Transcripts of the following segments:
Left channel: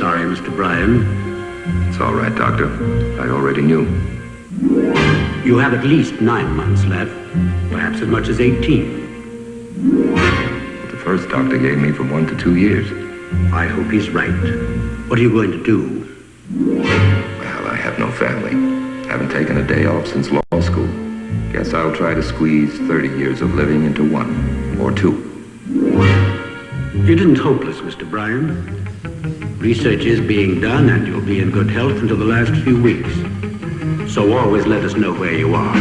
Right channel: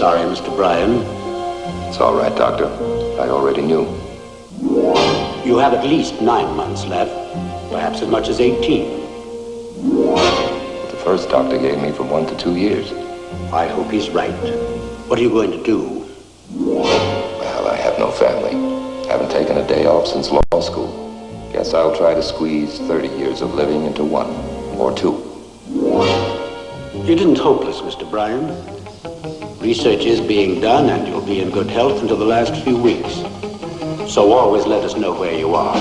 Sorry, Mr. Bryan. It's all right, Doctor. I already knew. You have at least 9 months left, perhaps as much as 18. The first doctor gave me from 1 to 2 years. I hope he's right. What are you going to do? Well, I have no family. Haven't taken a day off since law school. Guess I'll try to squeeze 30 years of living into 1 or 2. You didn't hopeless, Mr. Bryan. Research is being done, and you'll be in good health until the last few weeks. So always let us know where you are.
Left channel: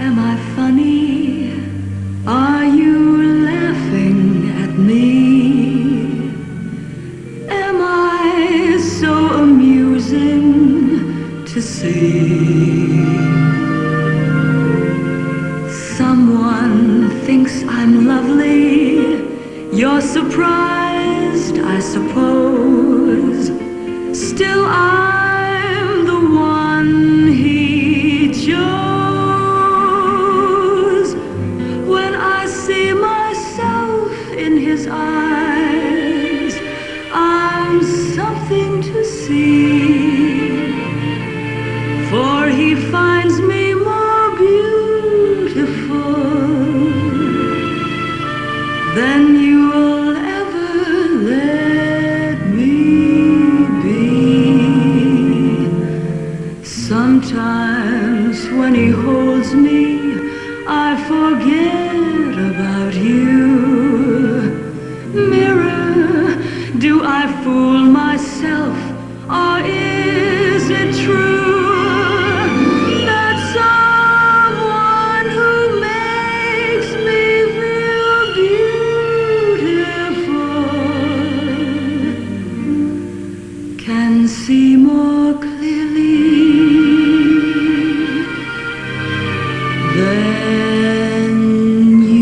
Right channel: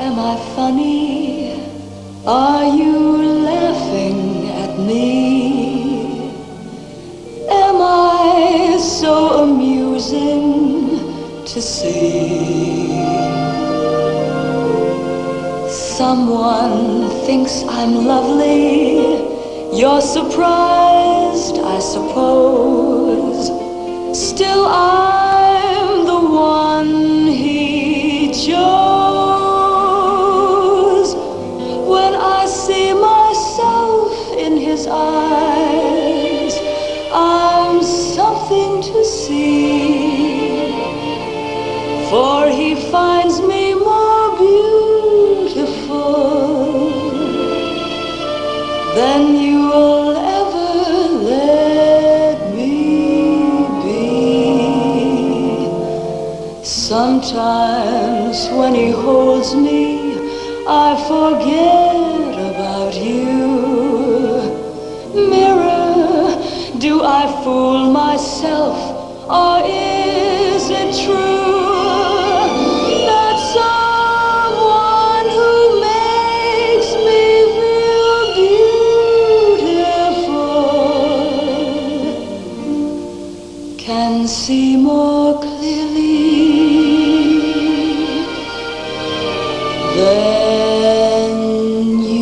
Am I funny? Are you laughing at me? Am I so amusing to see? Someone thinks I'm lovely. You're surprised, I suppose. Still I'm the one he chose. When I see myself in his eyes, I'm something to see. For he finds me more beautiful than you'll ever let me be. Sometimes when he holds me, I forget about you. Mirror, do I fool myself, or is it true that someone who makes me feel beautiful can see more clearly than you?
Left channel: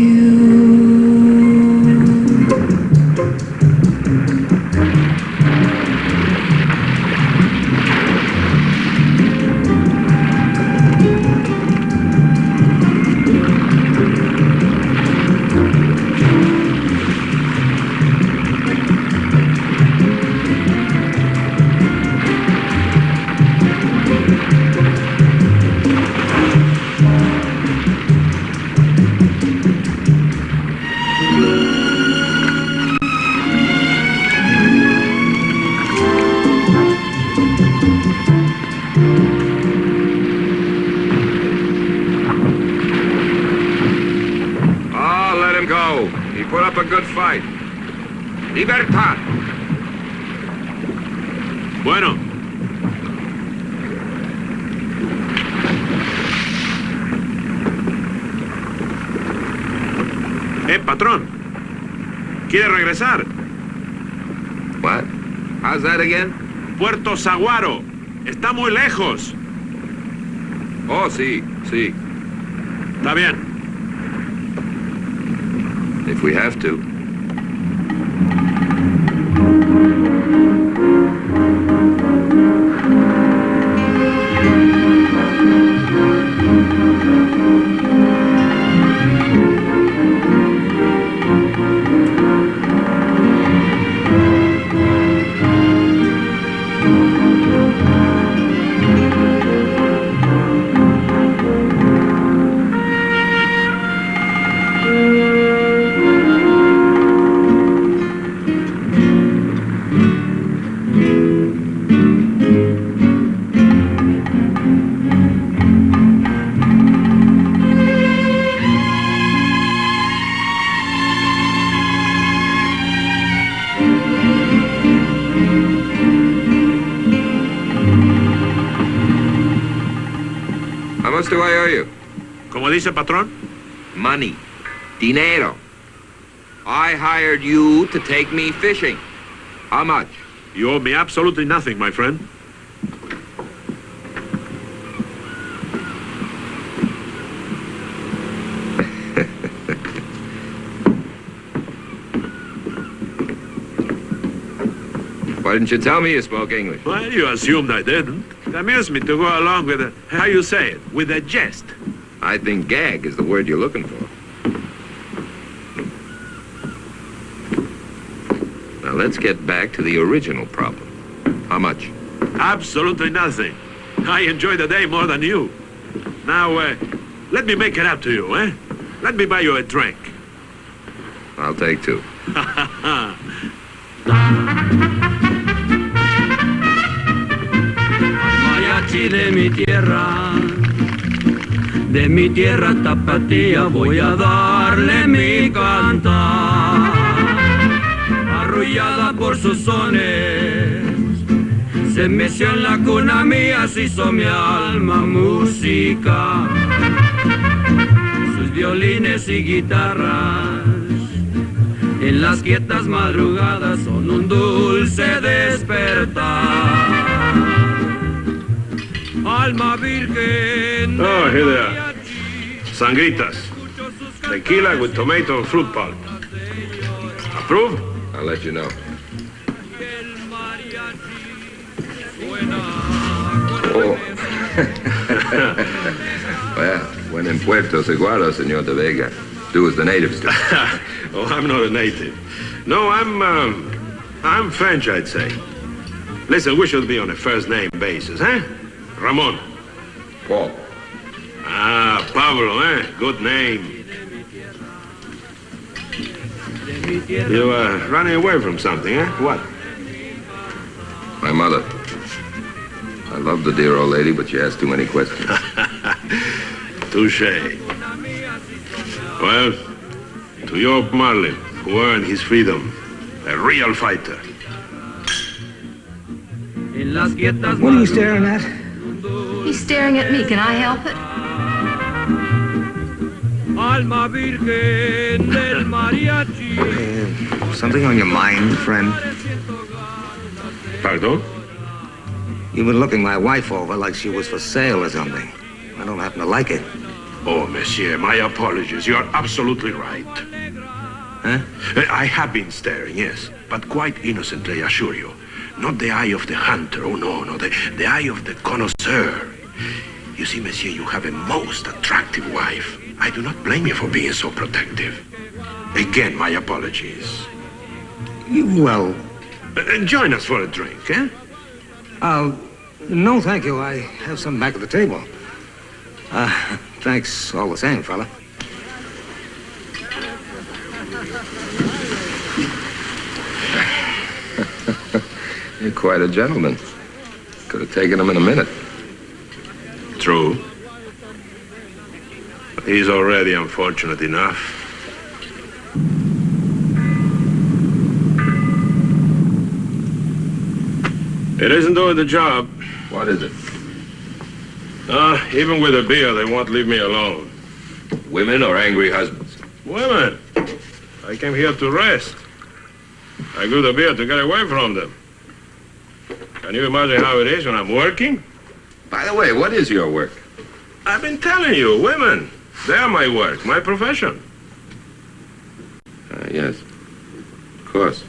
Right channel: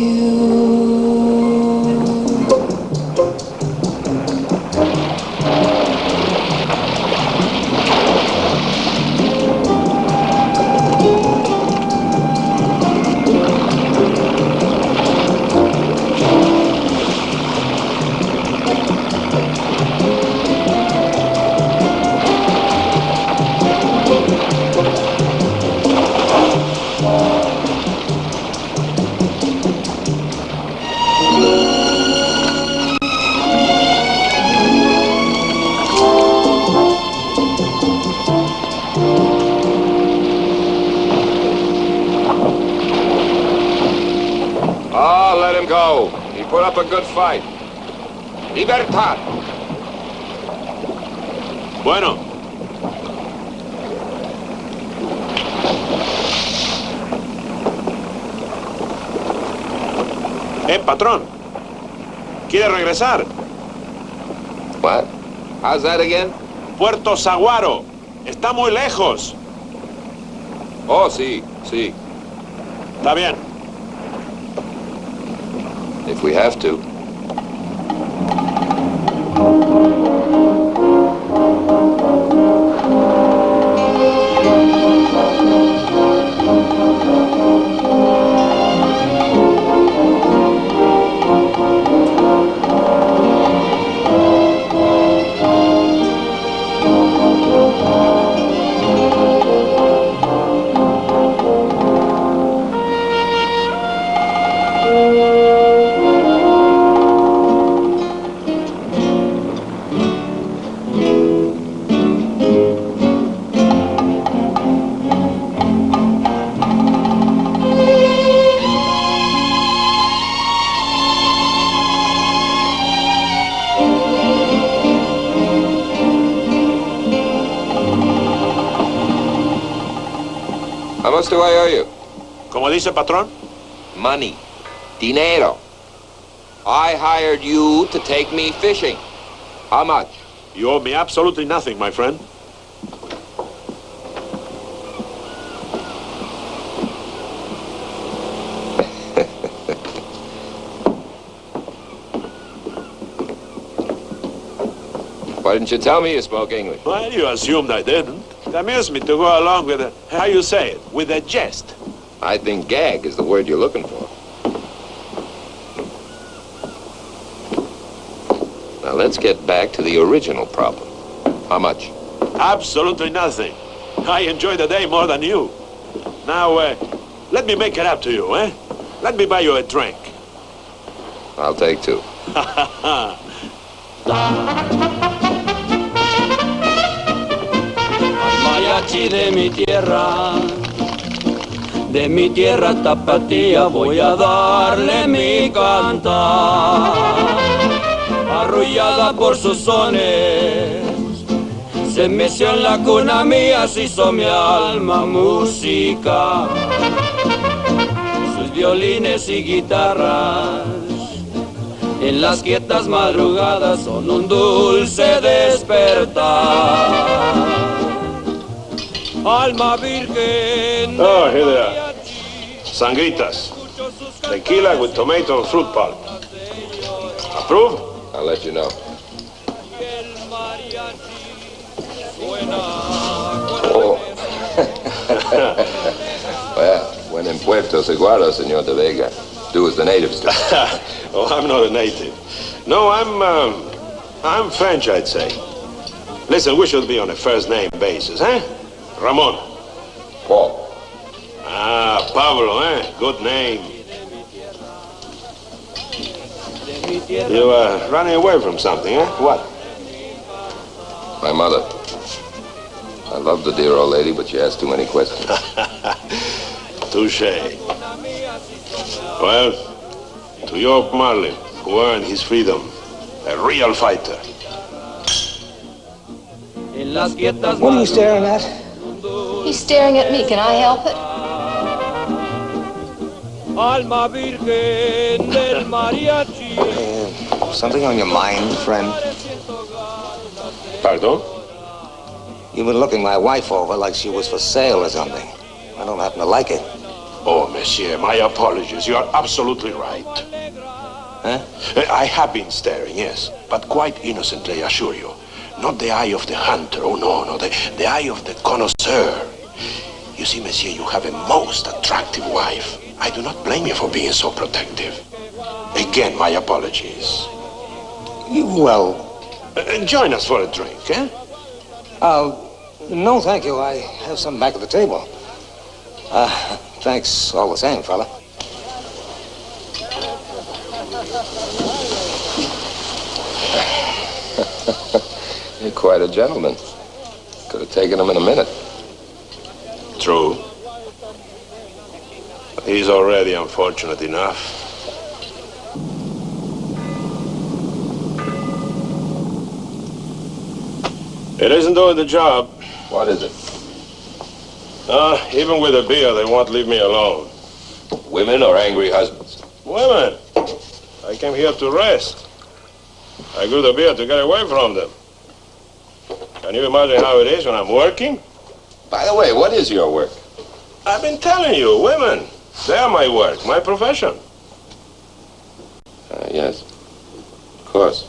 Oh, let him go. He put up a good fight. Libertad. Bueno. Patrón. ¿Quiere regresar? What? How's that again? Puerto Saguaro. Está muy lejos. Oh, sí, sí. Está bien. If we have to. How much do I owe you? ¿Cómo dice, patrón? Money. Dinero. I hired you to take me fishing. How much? You owe me absolutely nothing, my friend. Why didn't you tell me you spoke English? Well, you assumed I didn't. It amused me to go along with how you say it, with a jest. I think gag is the word you're looking for. Now, let's get back to the original problem. How much? Absolutely nothing. I enjoy the day more than you. Now, let me make it up to you, eh? Let me buy you a drink. I'll take two. Mariachi de mi tierra tapatía, voy a darle mi cantar. Arrullada por sus sones, se meció en la cuna mía, se hizo mi alma música. Sus violines y guitarras, en las quietas madrugadas, son un dulce despertar. Alma virgen. Oh, here they are. Sangritas. Tequila with tomato and fruit pulp. Approve? I'll let you know. Oh. Well, when in Puerto Seguaro, Señor de Vega, do as the natives do. Oh, I'm not a native. No, I'm French, I'd say. Listen, we should be on a first-name basis, eh? Ramon. Paul. Ah, Pablo, eh? Good name. You running away from something, eh? What? My mother. I love the dear old lady, but she asks too many questions. Touché. Well, to your Marlin, who earned his freedom, a real fighter. What are you staring at? He's staring at me. Can I help it? Alma virgen del mariachi. Something on your mind, friend? Pardon? You've been looking my wife over like she was for sale or something. I don't happen to like it. Oh, monsieur, my apologies. You are absolutely right. Huh? I have been staring, yes, but quite innocently, I assure you. Not the eye of the hunter, oh no, no, the eye of the connoisseur. You see, monsieur, you have a most attractive wife. I do not blame you for being so protective. Again, my apologies. Well... join us for a drink, eh? No, thank you. I have some back at the table. Thanks all the same, fella. You're quite a gentleman. Could have taken him in a minute. True. But he's already unfortunate enough. It isn't doing the job. What is it? Even with a beer, they won't leave me alone. Women or angry husbands? Women. I came here to rest. I grew the beer to get away from them. Can you imagine how it is when I'm working? By the way, what is your work? I've been telling you, women. They are my work, my profession. Yes. Of course.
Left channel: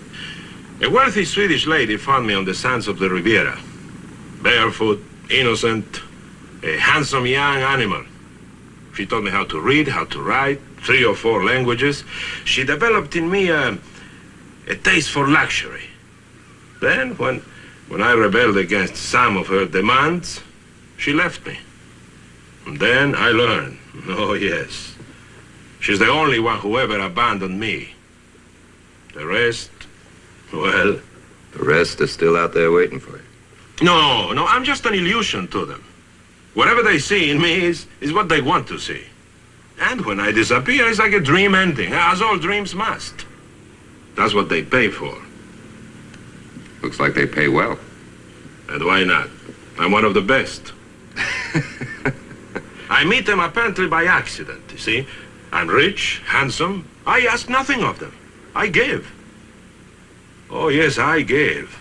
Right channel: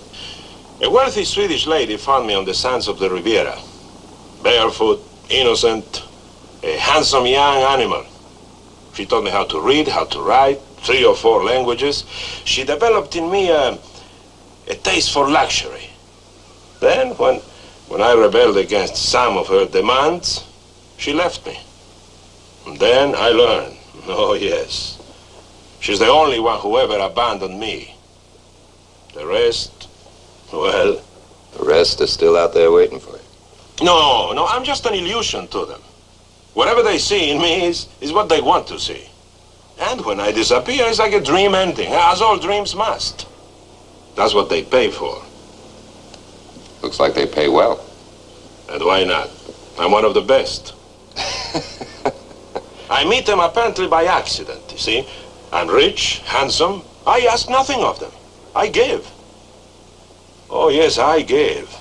A wealthy Swedish lady found me on the sands of the Riviera. Barefoot, innocent, a handsome young animal. She taught me how to read, how to write, 3 or 4 languages. She developed in me a taste for luxury. Then, when I rebelled against some of her demands, she left me. And then I learned, oh yes, she's the only one who ever abandoned me. The rest, well... The rest is still out there waiting for you. No, I'm just an illusion to them. Whatever they see in me is what they want to see. And when I disappear, it's like a dream ending, as all dreams must. That's what they pay for. Looks like they pay well. And why not? I'm one of the best. I meet them apparently by accident, you see. I'm rich, handsome. I ask nothing of them. I give. Oh, yes, I gave.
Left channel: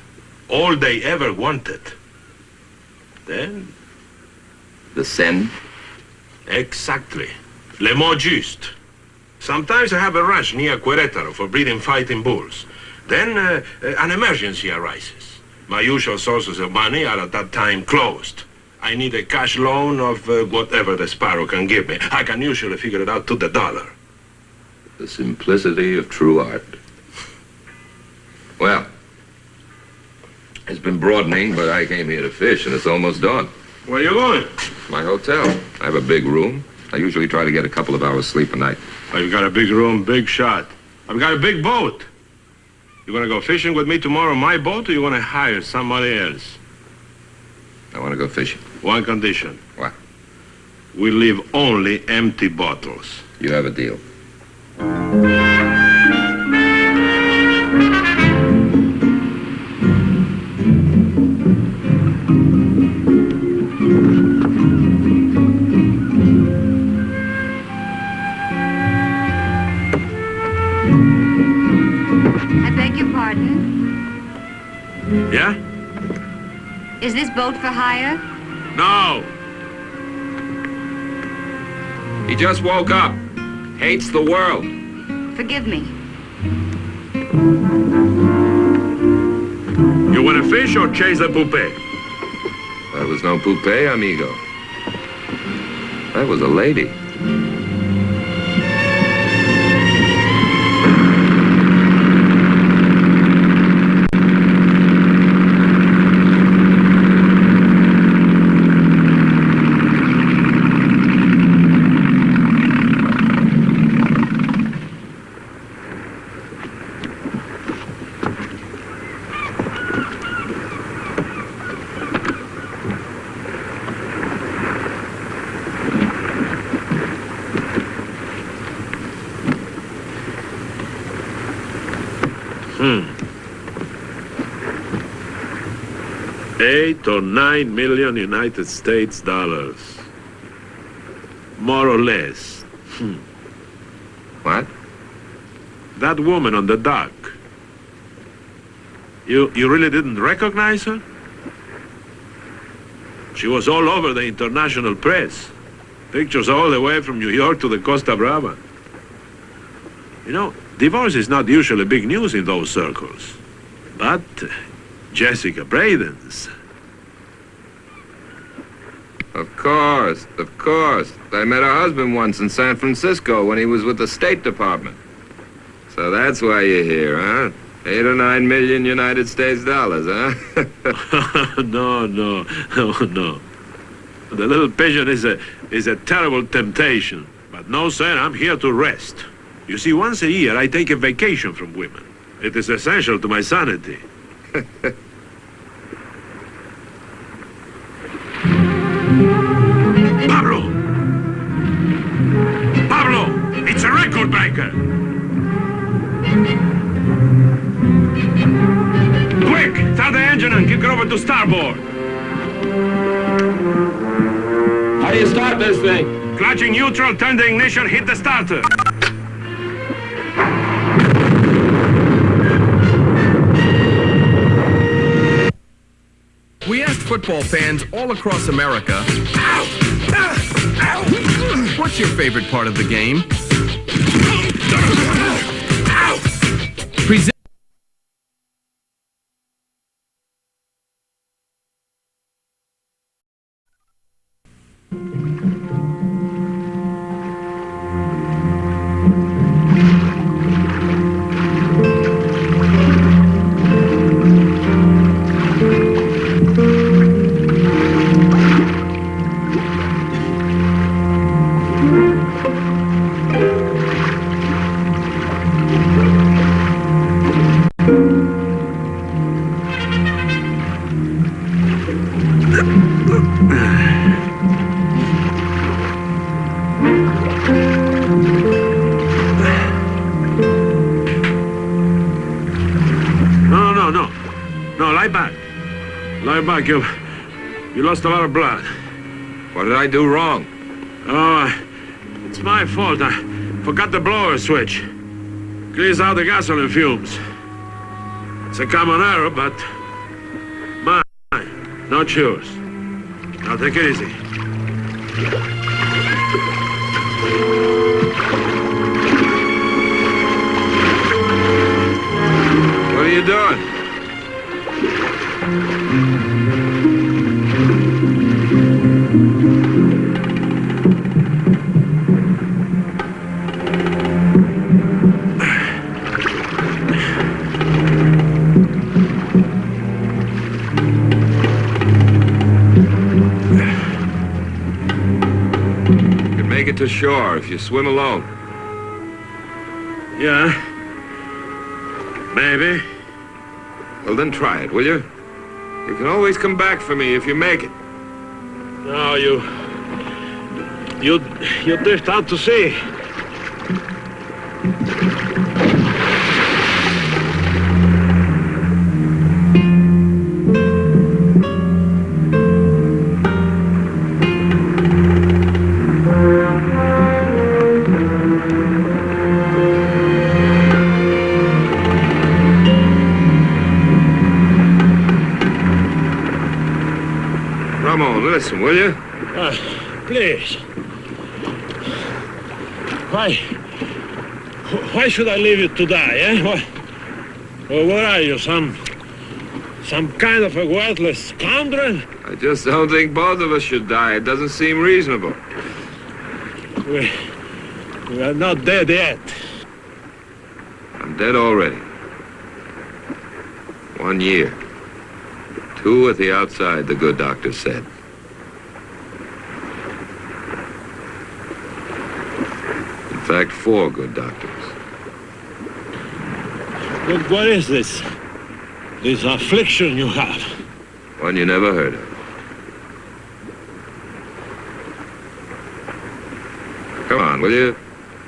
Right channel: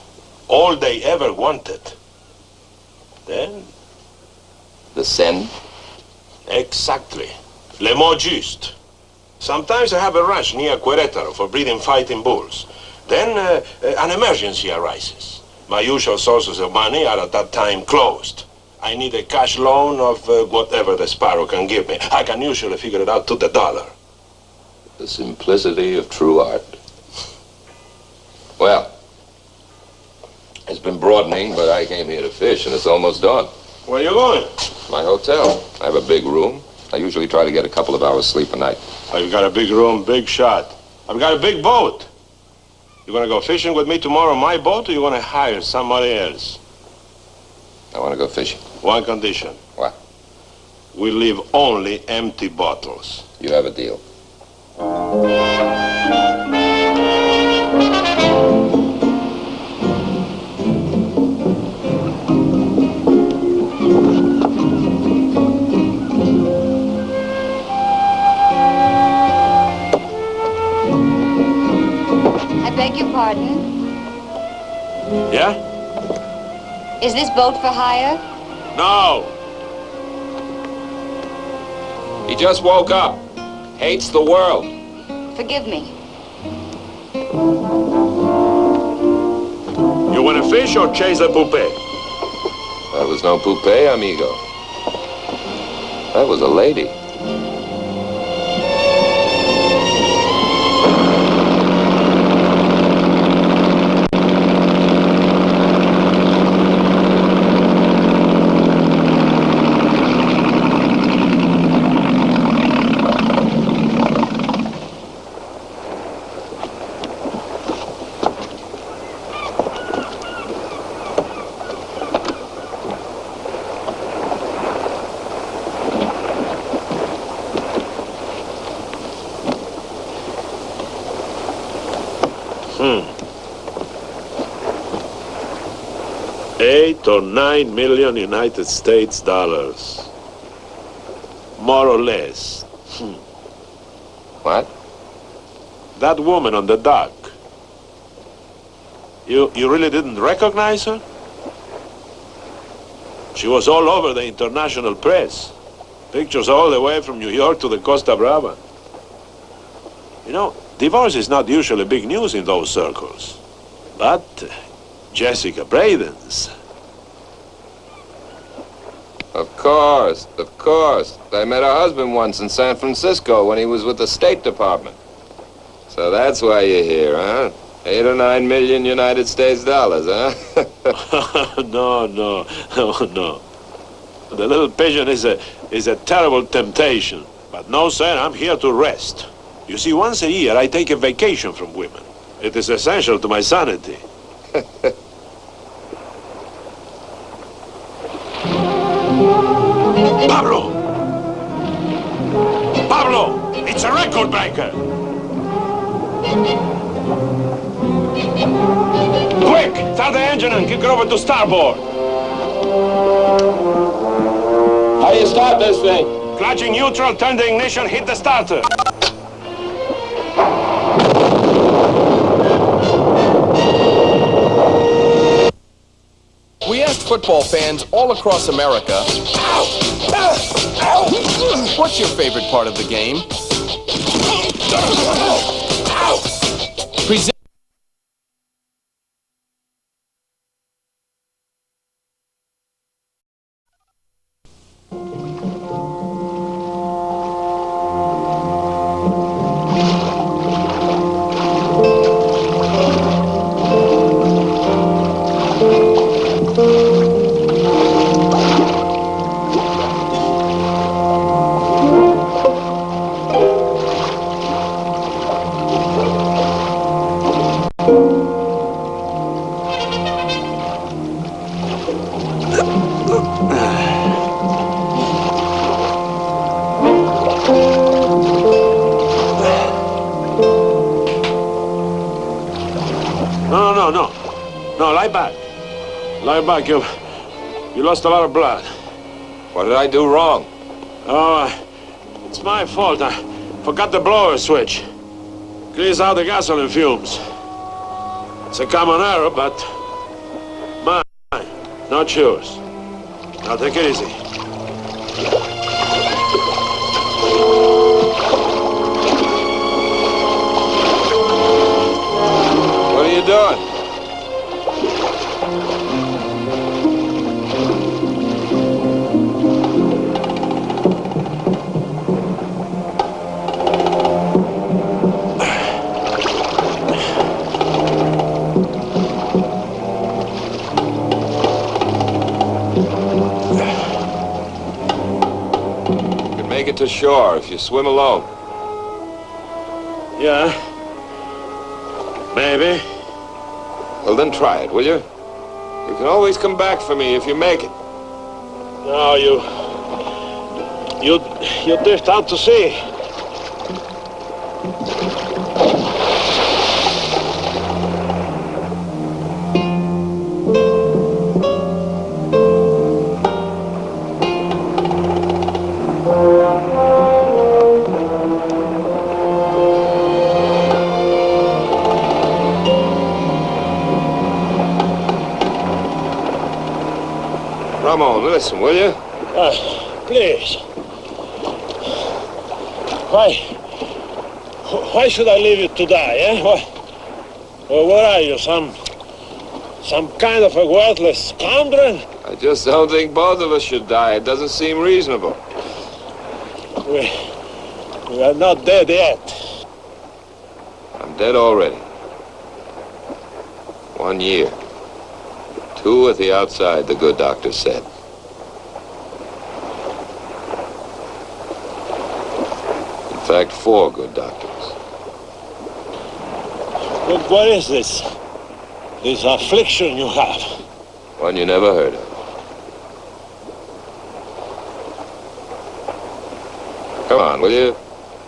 All they ever wanted. Then... The sen? Exactly. Le mot juste. Sometimes I have a ranch near Querétaro for breeding fighting bulls. Then an emergency arises. My usual sources of money are at that time closed. I need a cash loan of whatever the Sparrow can give me. I can usually figure it out to the dollar. The simplicity of true art. Well, it's been broadening, but I came here to fish, and it's almost dawn. Where are you going? My hotel. I have a big room. I usually try to get a couple of hours sleep a night. Oh, you got a big room, big shot. I've got a big boat. You gonna go fishing with me tomorrow on my boat, or you wanna hire somebody else? I want to go fishing. One condition. What? We leave only empty bottles. You have a deal. I beg your pardon. Yeah? Is this boat for hire? No. He just woke up. Hates the world. Forgive me. You wanna fish or chase a poupée? That was no poupée, amigo. That was a lady. $8 or $9 million United States dollars. More or less. What? That woman on the dock. You really didn't recognize her? She was all over the international press. Pictures all the way from New York to the Costa Brava. You know, divorce is not usually big news in those circles. But Jessica Braden's. Of course, of course. I met her husband once in San Francisco when he was with the State Department. So that's why you're here, huh? 8 or 9 million United States dollars, huh? No. The little pigeon is a terrible temptation. But no, sir, I'm here to rest. You see, once a year I take a vacation from women. It is essential to my sanity. Pablo! It's a record breaker! Quick! Start the engine and kick it over to starboard! How do you start this thing? Clutching neutral, turn the ignition, hit the starter. We asked football fans all across America, what's your favorite part of the game? Present No, lie back. Lie back. You lost a lot of blood. What did I do wrong? Oh, it's my fault. I forgot the blower switch. Clears out the gasoline fumes. It's a common error, but mine, not yours. Now take it easy. What are you doing? make it to shore if you swim alone. Yeah. Maybe. Well, then try it, will you? You can always come back for me if you make it. No, you drift out to sea. Ramon, listen, will you? Please. Why should I leave you to die, eh? What are you, some kind of a worthless scoundrel? I just don't think both of us should die. It doesn't seem reasonable. We are not dead yet. I'm dead already. 1 year. 2 at the outside, the good doctor said. In fact, 4 good doctors. What is this? This affliction you have? One you never heard of. Come on, will you?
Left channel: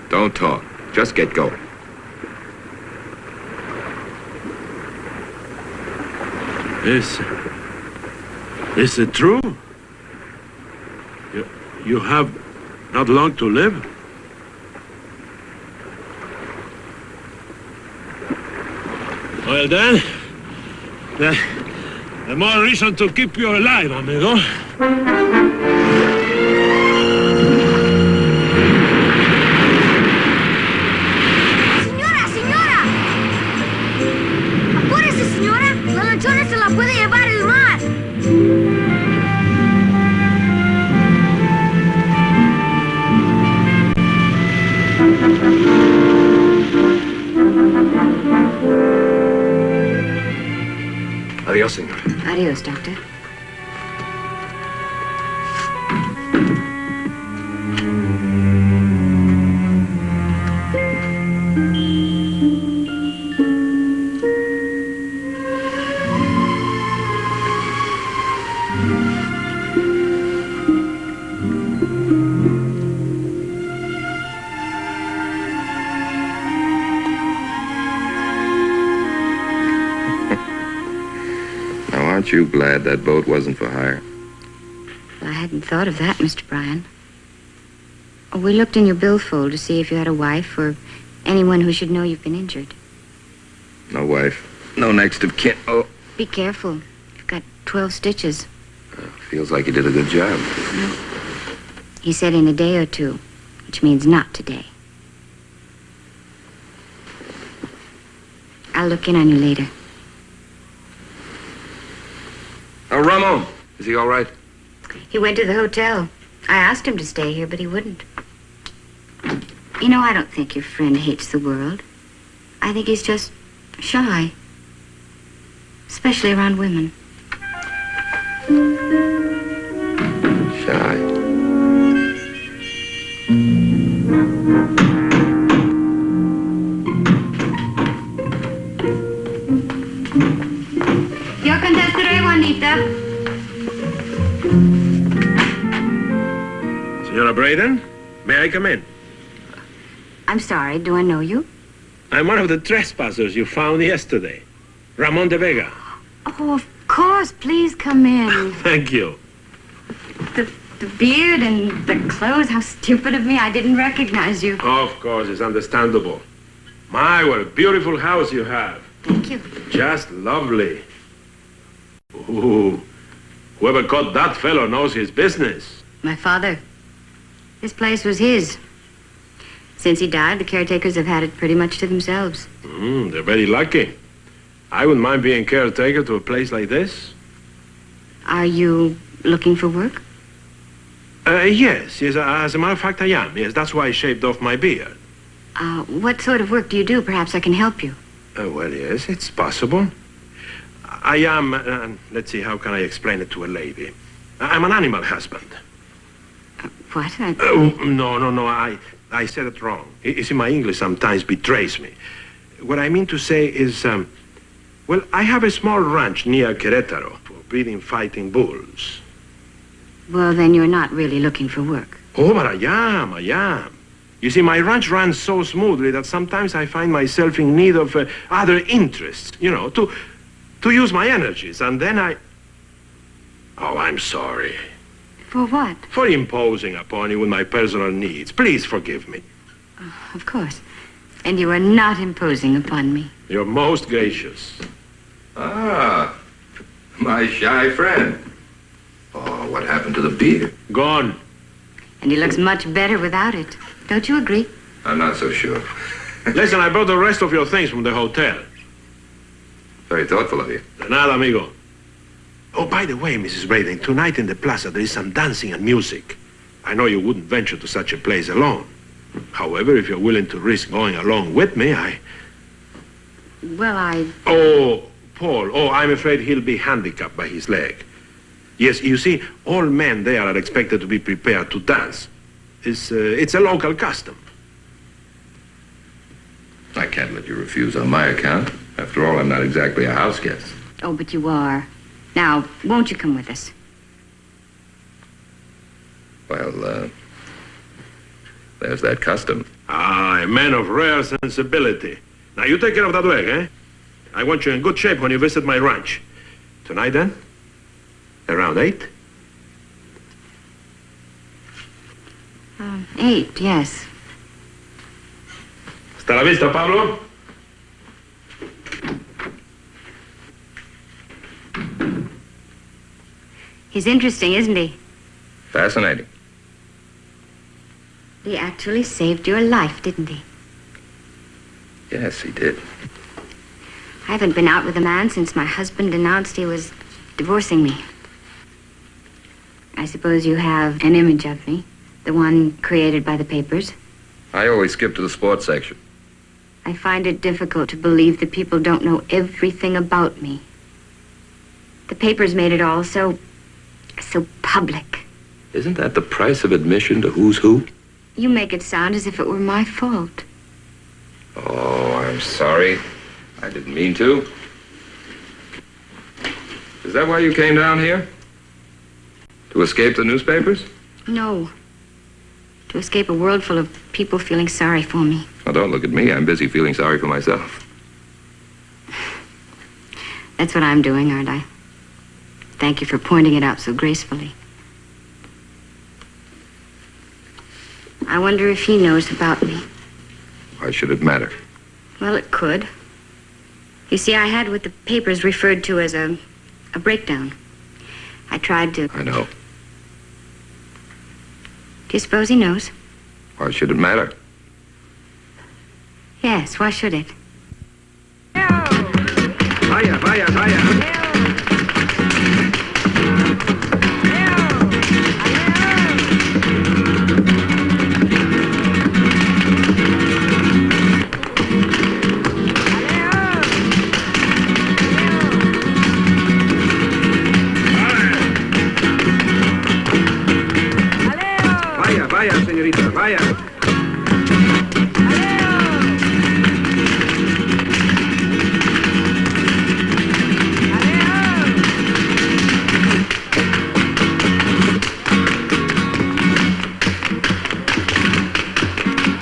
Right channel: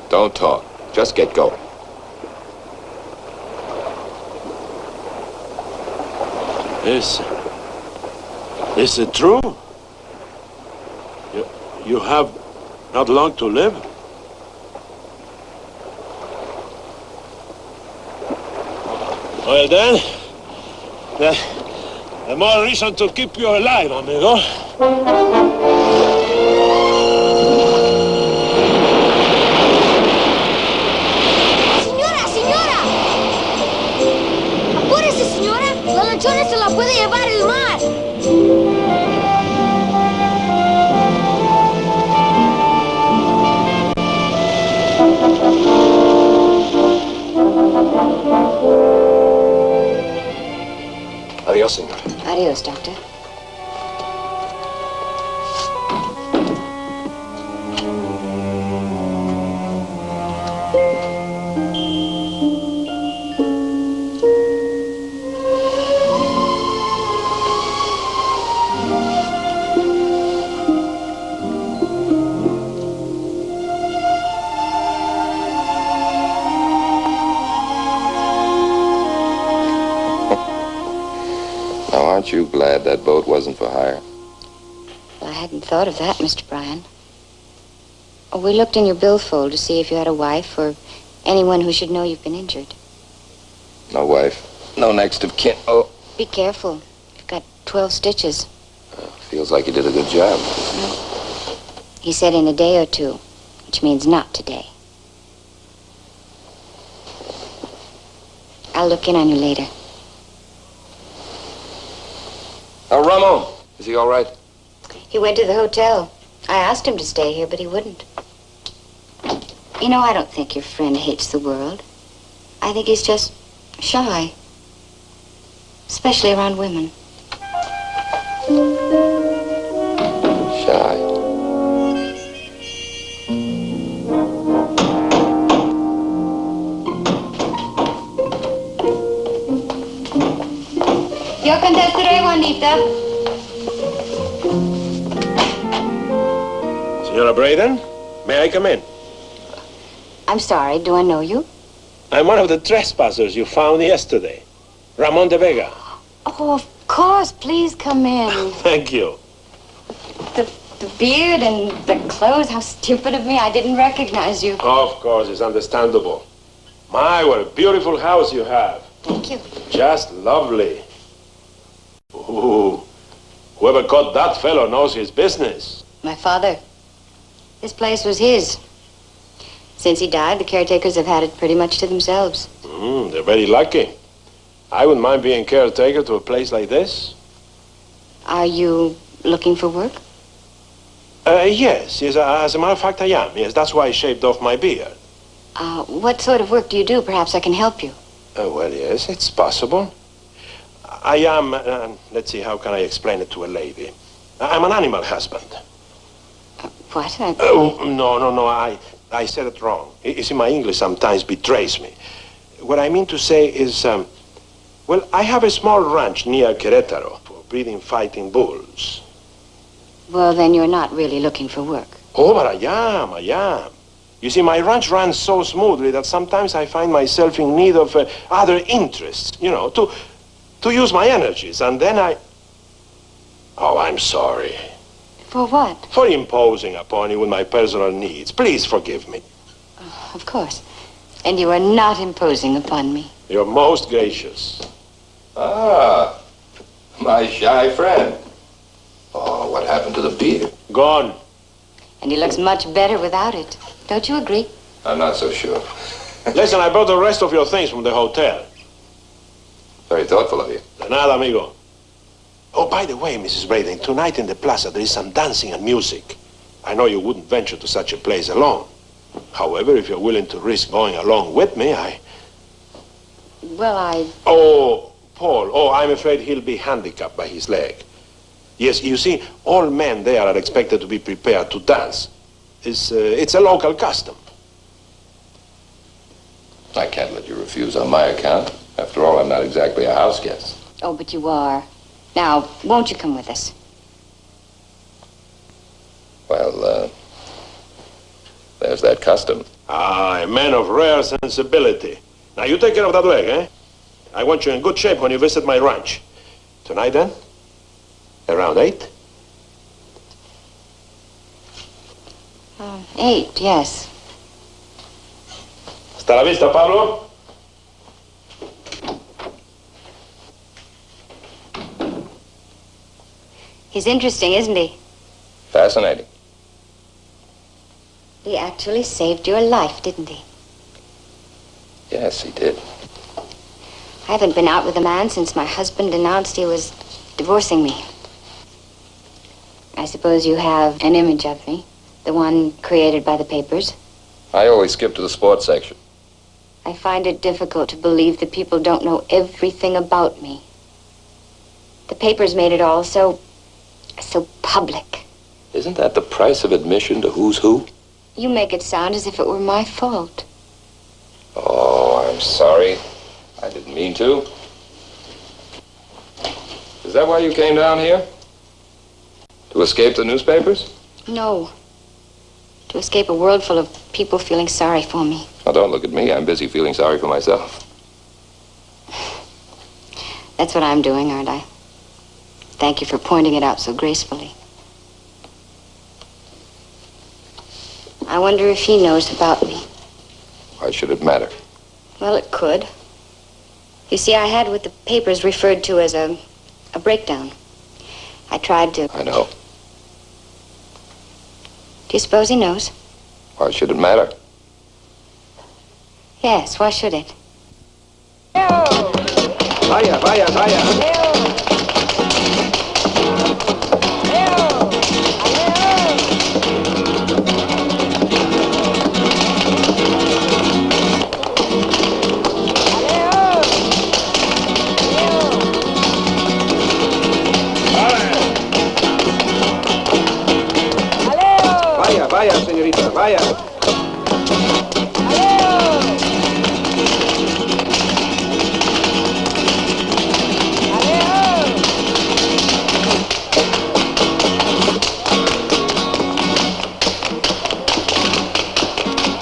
Don't talk. Just get going. Is it true? You have not long to live? Well then, the more reason to keep you alive, amigo. ¡Señora! ¡Apúrese, señora! ¡La lanchona se la puede llevar el mar! Adiós, señor. Adios, Doctor. Aren't you glad that boat wasn't for hire? Well, I hadn't thought of that, Mr. Bryan. Oh, we looked in your billfold to see if you had a wife or anyone who should know you've been injured. No wife. No next of kin. Oh. Be careful. You've got 12 stitches. Feels like you did a good job. Well, he said in a day or two, which means not today. I'll look in on you later. Ramon, is he all right? He went to the hotel. I asked him to stay here, but he wouldn't. You know, I don't think your friend hates the world. I think he's just shy. Especially around women. Shy. Yo contestaré, Juanita. Senora Braden, may I come in? I'm sorry, do I know you? I'm one of the trespassers you found yesterday. Ramon de Vega. Oh, of course. Please come in. Thank you. The beard and the clothes, how stupid of me. I didn't recognize you. Of course, it's understandable. My, what a beautiful house you have. Thank you. Just lovely. Ooh, whoever caught that fellow knows his business. My father. This place was his. Since he died, the caretakers have had it pretty much to themselves. They're very lucky. I wouldn't mind being caretaker to a place like this. Are you looking for work? Yes, as a matter of fact, I am. Yes, that's why I shaved off my beard. What sort of work do you do? Perhaps I can help you. Well, yes, it's possible. I am, let's see, how can I explain it to a lady? I'm an animal husband. What? No, I said it wrong. You see, my English sometimes betrays me. What I mean to say is, well, I have a small ranch near Querétaro for breeding fighting bulls. Well, then you're not really looking for work. Oh, but I am. You see, my ranch runs so smoothly that sometimes I find myself in need of other interests, you know, to use my energies, and then I... Oh, I'm sorry. For what? For imposing upon you with my personal needs. Please forgive me. Oh, of course. And you are not imposing upon me. You're most gracious. Ah, my shy friend. Oh, what happened to the beard? Gone. And he looks much better without it. Don't you agree? I'm not so sure. Listen, I brought the rest of your things from the hotel. Very thoughtful of you. De nada, amigo. Oh, by the way, Mrs. Braden, tonight in the plaza there is some dancing and music. I know you wouldn't venture to such a place alone. However, if you're willing to risk going along with me, Well, Oh, Paul. Oh, I'm afraid he'll be handicapped by his leg. Yes, you see, all men there are expected to be prepared to dance. It's a local custom. I can't let you refuse on my account. After all, I'm not exactly a house guest. Oh, but you are. Now, won't you come with us? Well, there's that custom. Ah, a man of rare sensibility. Now, you take care of that leg, eh? I want you in good shape when you visit my ranch. Tonight, then? Around 8? 8, yes. Hasta la vista, Pablo. He's interesting, isn't he? Fascinating. He actually saved your life, didn't he? Yes, he did. I haven't been out with a man since my husband announced he was divorcing me. I suppose you have an image of me, the one created by the papers. I always skip to the sports section. I find it difficult to believe that people don't know everything about me. The papers made it all so public. Isn't that the price of admission to who's who? You make it sound as if it were my fault. Oh, I'm sorry. I didn't mean to. Is that why you came down here? To escape the newspapers? No. To escape a world full of people feeling sorry for me. Now, don't look at me. I'm busy feeling sorry for myself. That's what I'm doing, aren't I? Thank you for pointing it out so gracefully. I wonder if he knows about me. Why should it matter? Well, it could. You see, I had what the papers referred to as a breakdown. I tried to... I know. Do you suppose he knows? Why should it matter? Yes, why should it? Vaya, vaya, vaya. Vaya, señorita, vaya.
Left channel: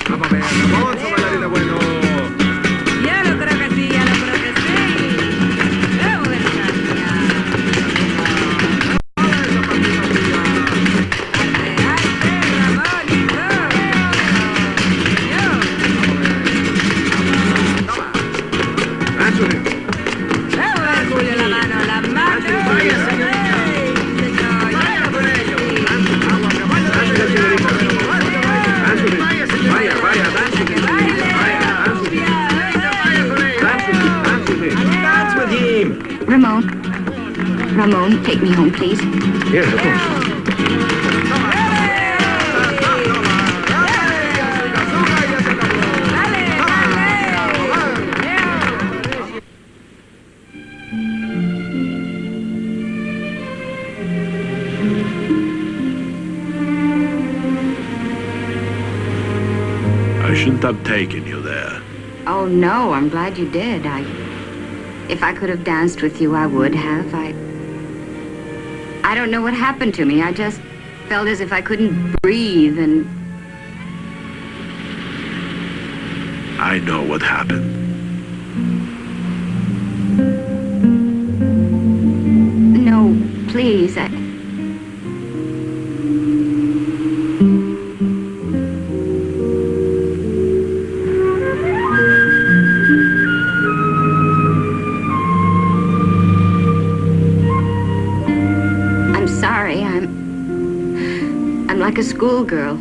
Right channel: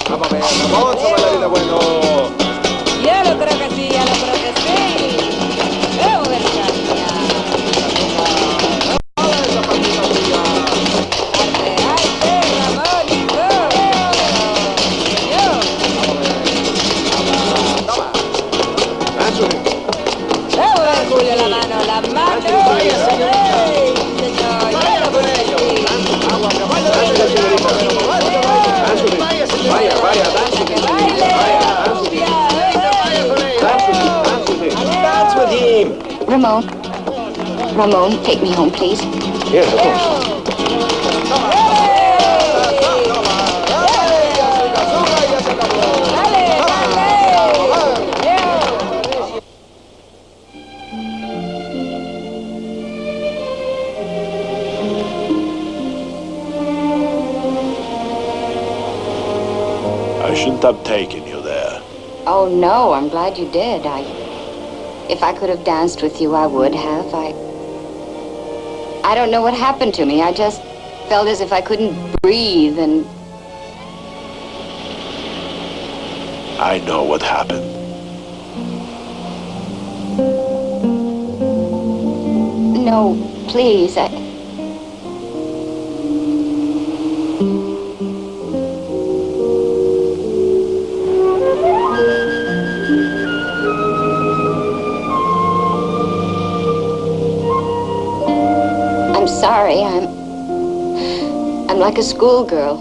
Vamos a ver, Ramón, bailarina bueno. Yo lo creo que sí, yo lo creo que sí. Vamos a ver, Julio, la mano, la mano. Vaya, señorita. Vaya con ellos. Vaya, vaya, dance with him. Ramon, take me home, please. Yes, of course. I shouldn't have taken you there. Oh, no, I'm glad you did. If I could have danced with you, I would have. I don't know what happened to me. I just felt as if I couldn't breathe and... I know what happened. No, please, I'm sorry. I'm like a schoolgirl.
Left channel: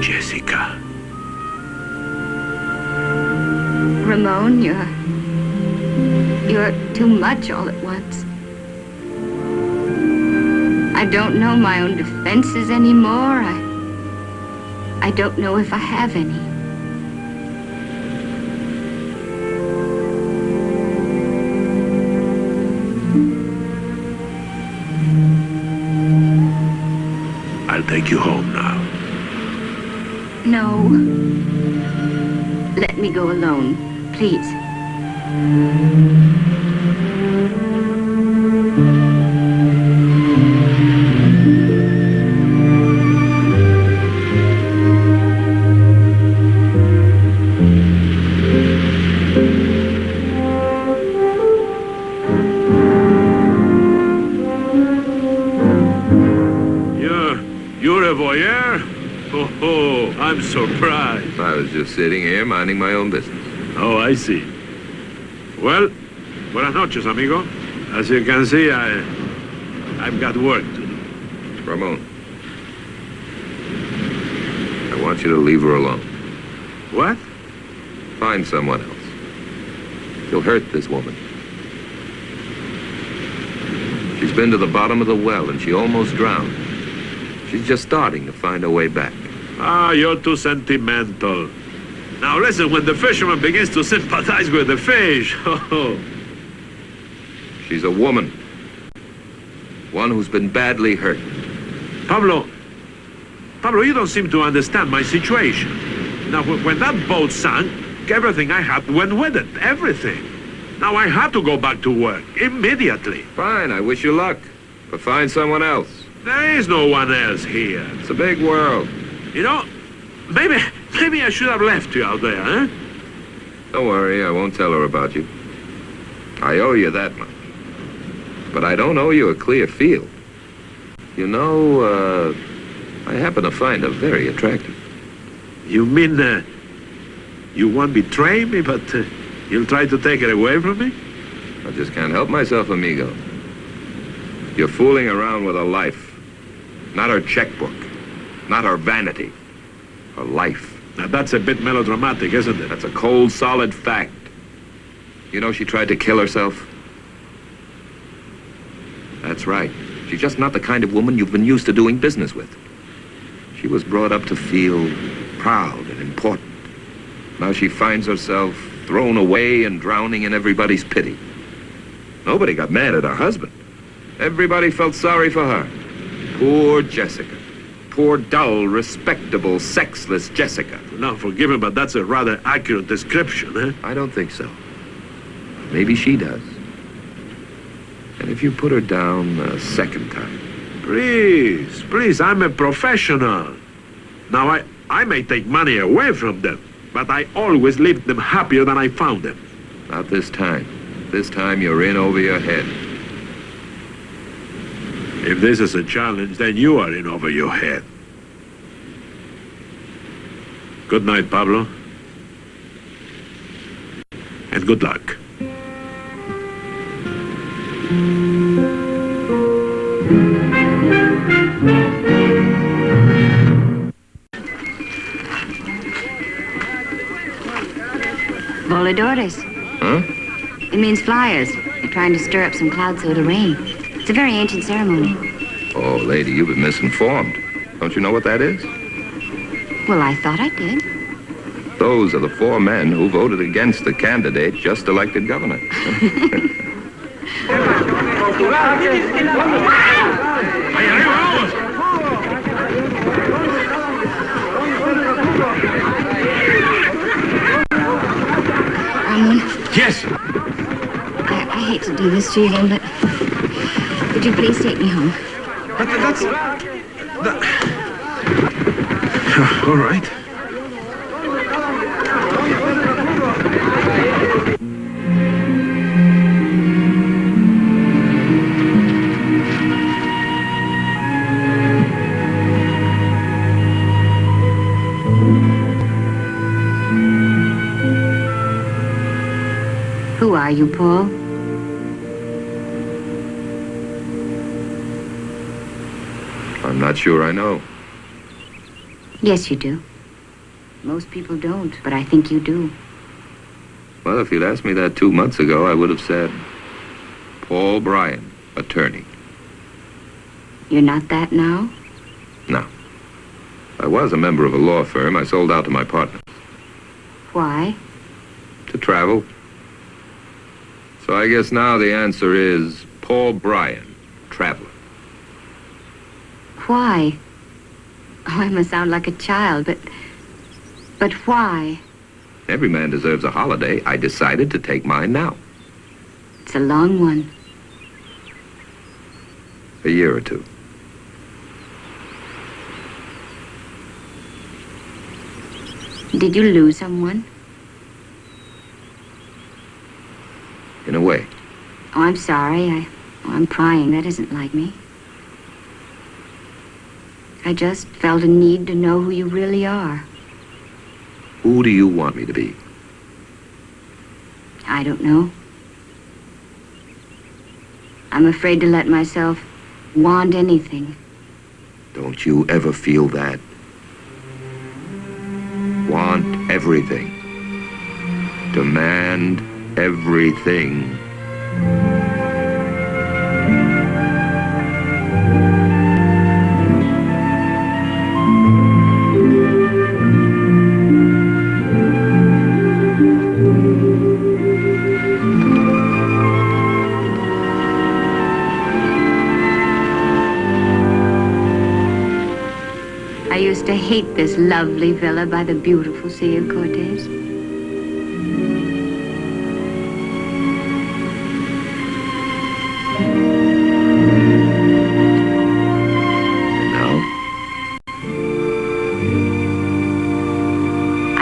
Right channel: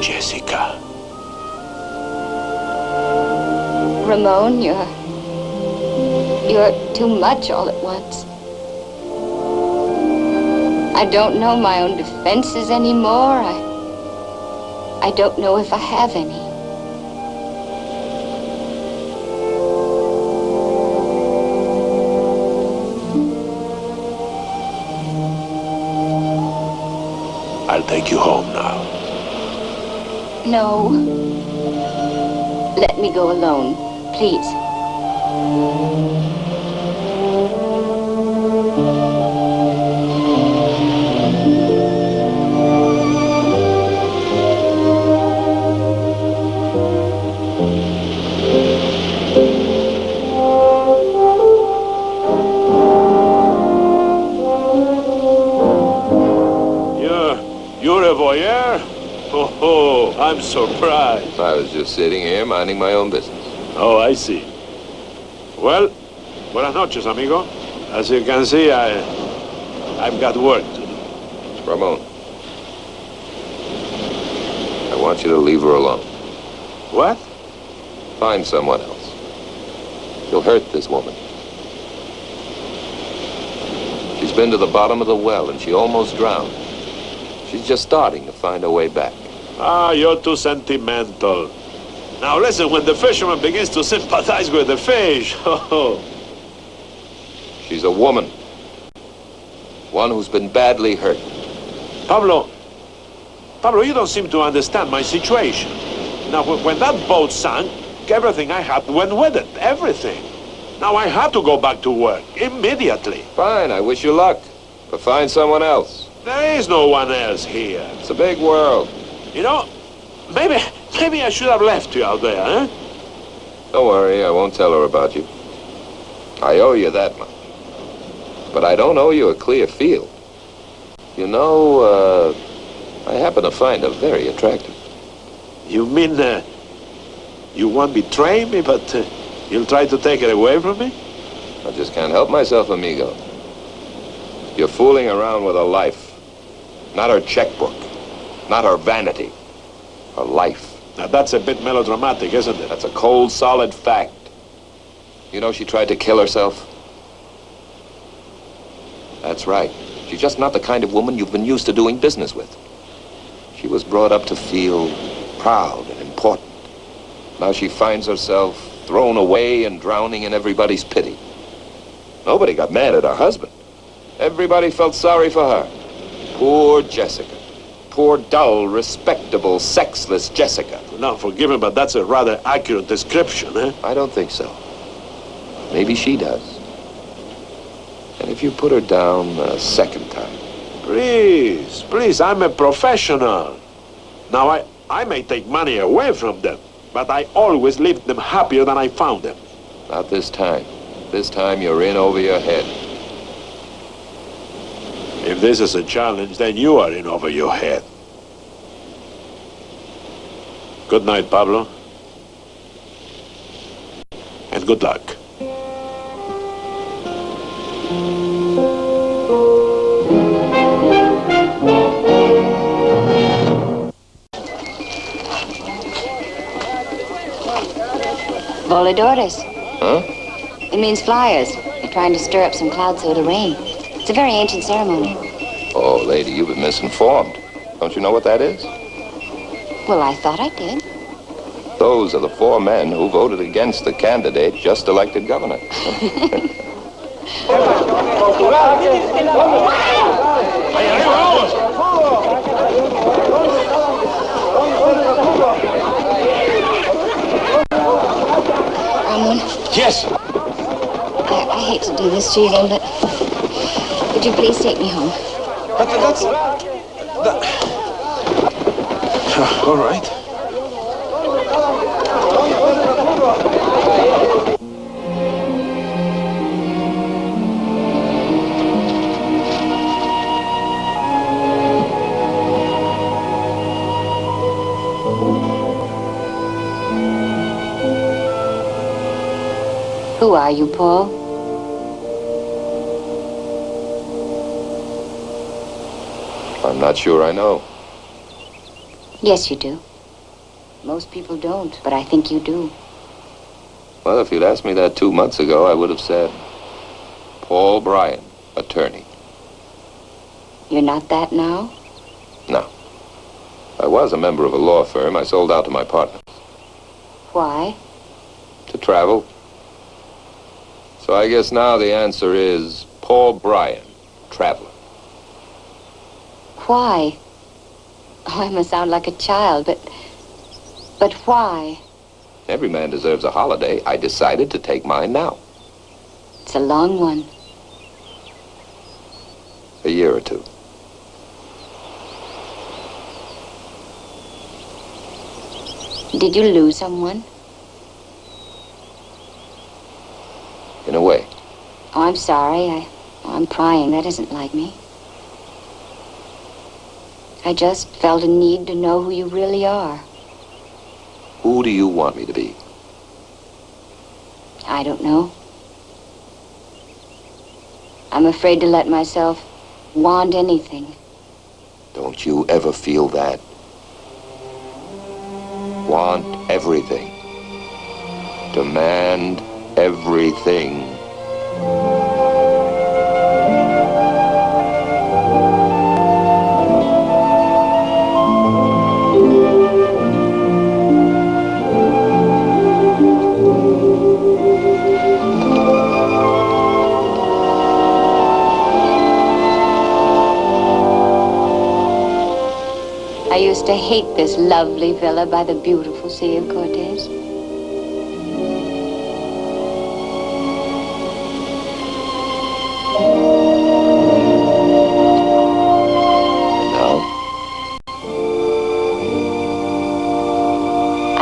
Jessica. Ramon, you're too much all at once. I don't know my own defenses anymore. I don't know if I have any. I'll take you home now. No. Let me go alone, please. You're a voyeur? Oh, I'm surprised. I was just sitting here minding my own business. Oh, I see. Well, buenas noches, amigo. As you can see, I've got work to do. Ramon, I want you to leave her alone. What? Find someone else. You'll hurt this woman. She's been to the bottom of the well and she almost drowned. She's just starting to find her way back. Ah, you're too sentimental. Now listen, when the fisherman begins to sympathize with the fish, She's a woman. One who's been badly hurt. Pablo, you don't seem to understand my situation. Now, when that boat sank, everything I had went with it, everything. Now I had to go back to work, immediately. Fine, I wish you luck. But find someone else. There is no one else here. It's a big world. You know, maybe I should have left you out there, eh? Don't worry, I won't tell her about you. I owe you that much. But I don't owe you a clear field. You know, I happen to find her very attractive. You mean, you won't betray me, but you'll try to take it away from me? I just can't help myself, amigo. You're fooling around with her life. Not her checkbook. Not her vanity. Her life. Now, that's a bit melodramatic, isn't it? That's a cold, solid fact. You know she tried to kill herself? That's right. She's just not the kind of woman you've been used to doing business with. She was brought up to feel proud and important. Now she finds herself thrown away and drowning in everybody's pity. Nobody got mad at her husband. Everybody felt sorry for her. Poor Jessica. Poor, dull, respectable, sexless Jessica. Now, forgive me, but that's a rather accurate description, eh? I don't think so. Maybe she does. And if you put her down a second time... Please, I'm a professional. Now, I may take money away from them, but I always leave them happier than I found them. Not this time. This time you're in over your head. If this is a challenge, then you are in over your head. Good night, Pablo. And good luck. Voladores. Huh? It means flyers. They're trying to stir up some clouds so it'll rain. It's a very ancient ceremony. Oh, lady, you've been misinformed. Don't you know what that is? Well, I thought I did. Those are the 4 men who voted against the candidate just elected governor. ¡Ahí arriba, vamos! Ramon, Yes. I hate to do this to you, but would you please take me home? But that's... All right. Who are you, Paul? I'm not sure I know. Yes, you do. Most people don't, but I think you do. Well, if you'd asked me that 2 months ago, I would have said, Paul Bryan, attorney. You're not that now? No. I was a member of a law firm. I sold out to my partners. Why? To travel. So I guess now the answer is Paul Bryan, traveler. Why? Oh, I must sound like a child, but why? Every man deserves a holiday. I decided to take mine now. It's a long one. A year or two. Did you lose someone? In a way. Oh, I'm sorry. I'm prying. That isn't like me. I just felt a need to know who you really are. Who do you want me to be? I don't know. I'm afraid to let myself want anything. Don't you ever feel that? Want everything. Demand everything. I used to hate this lovely villa by the beautiful Sea of Cortez.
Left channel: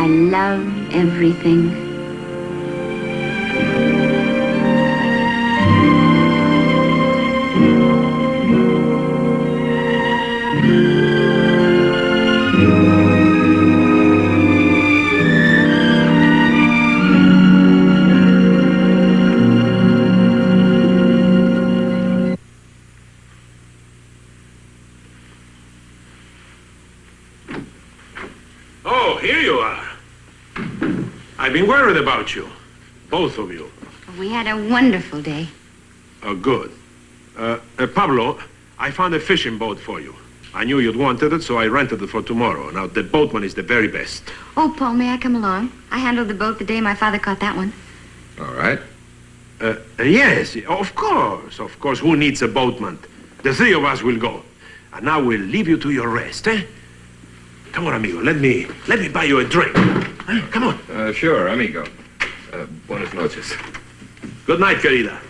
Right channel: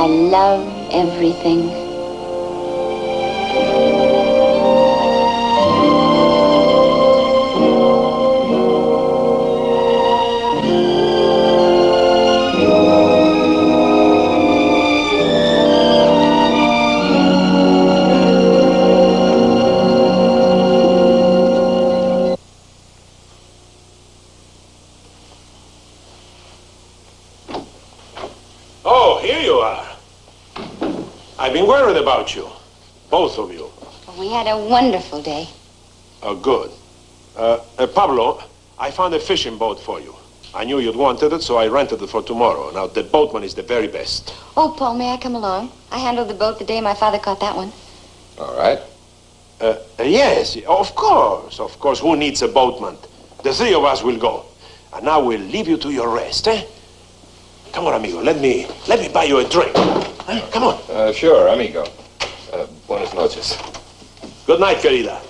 I love everything. Oh, here you are. I've been worried about you. Both of you. We had a wonderful day. Oh, good. Pablo, I found a fishing boat for you. I knew you'd wanted it, so I rented it for tomorrow. Now, the boatman is the very best. Oh, Paul, may I come along? I handled the boat the day my father caught that one. All right. Yes, of course. Of course, who needs a boatman? The three of us will go. And now we'll leave you to your rest, eh? Come on, amigo. Let me buy you a drink. Come on. Sure, amigo. Buenas noches. Good night, querida.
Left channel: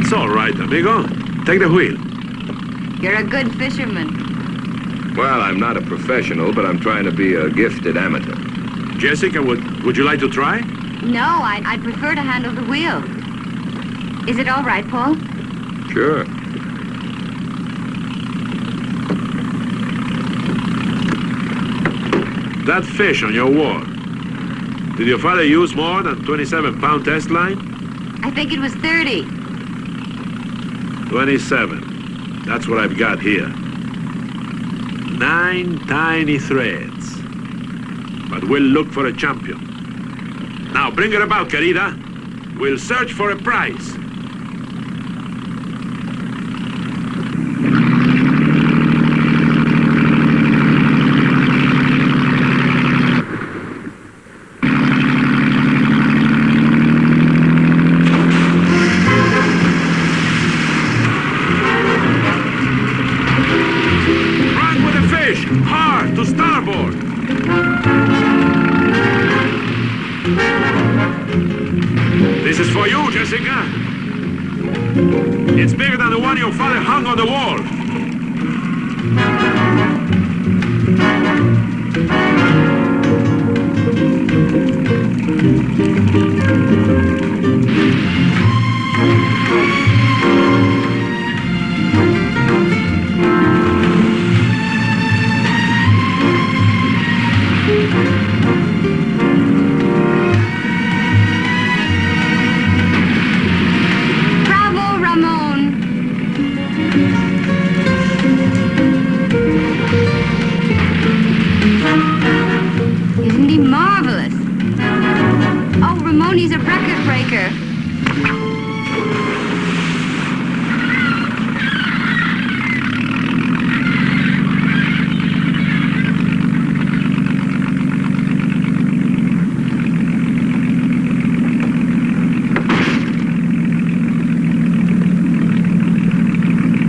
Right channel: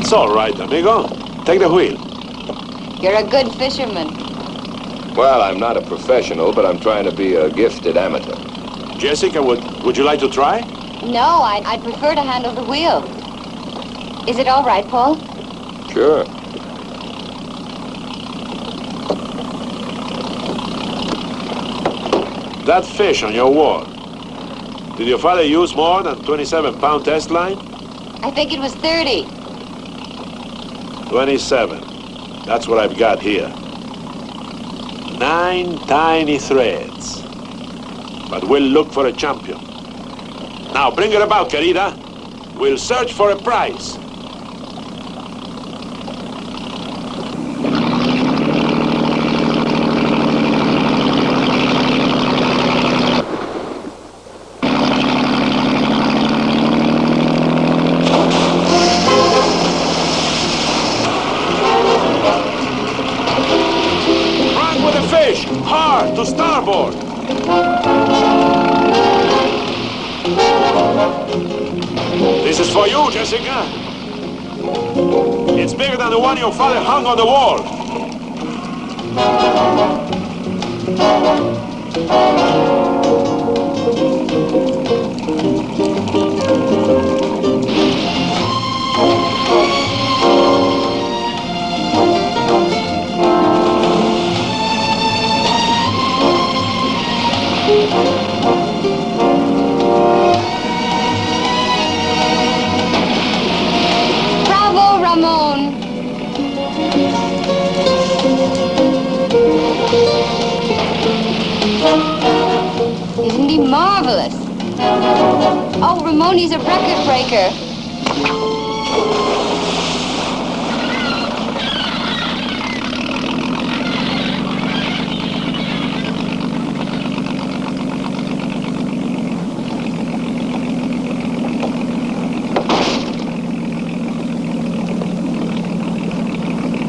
It's all right, amigo. Take the wheel. You're a good fisherman. Well, I'm not a professional, but I'm trying to be a gifted amateur. Jessica, would you like to try? No, I'd prefer to handle the wheel. Is it all right, Paul? Sure. That fish on your wall, did your father use more than 27-pound test line? I think it was 30. 27. That's what I've got here. 9 tiny threads. But we'll look for a champion. Now, bring it about, querida. We'll search for a prize. Run with the fish! Hard, to starboard! This is for you, Jessica. It's bigger than the one your father hung on the wall. Bravo, Ramon. Isn't he marvelous? Oh, Ramon, he's a record breaker.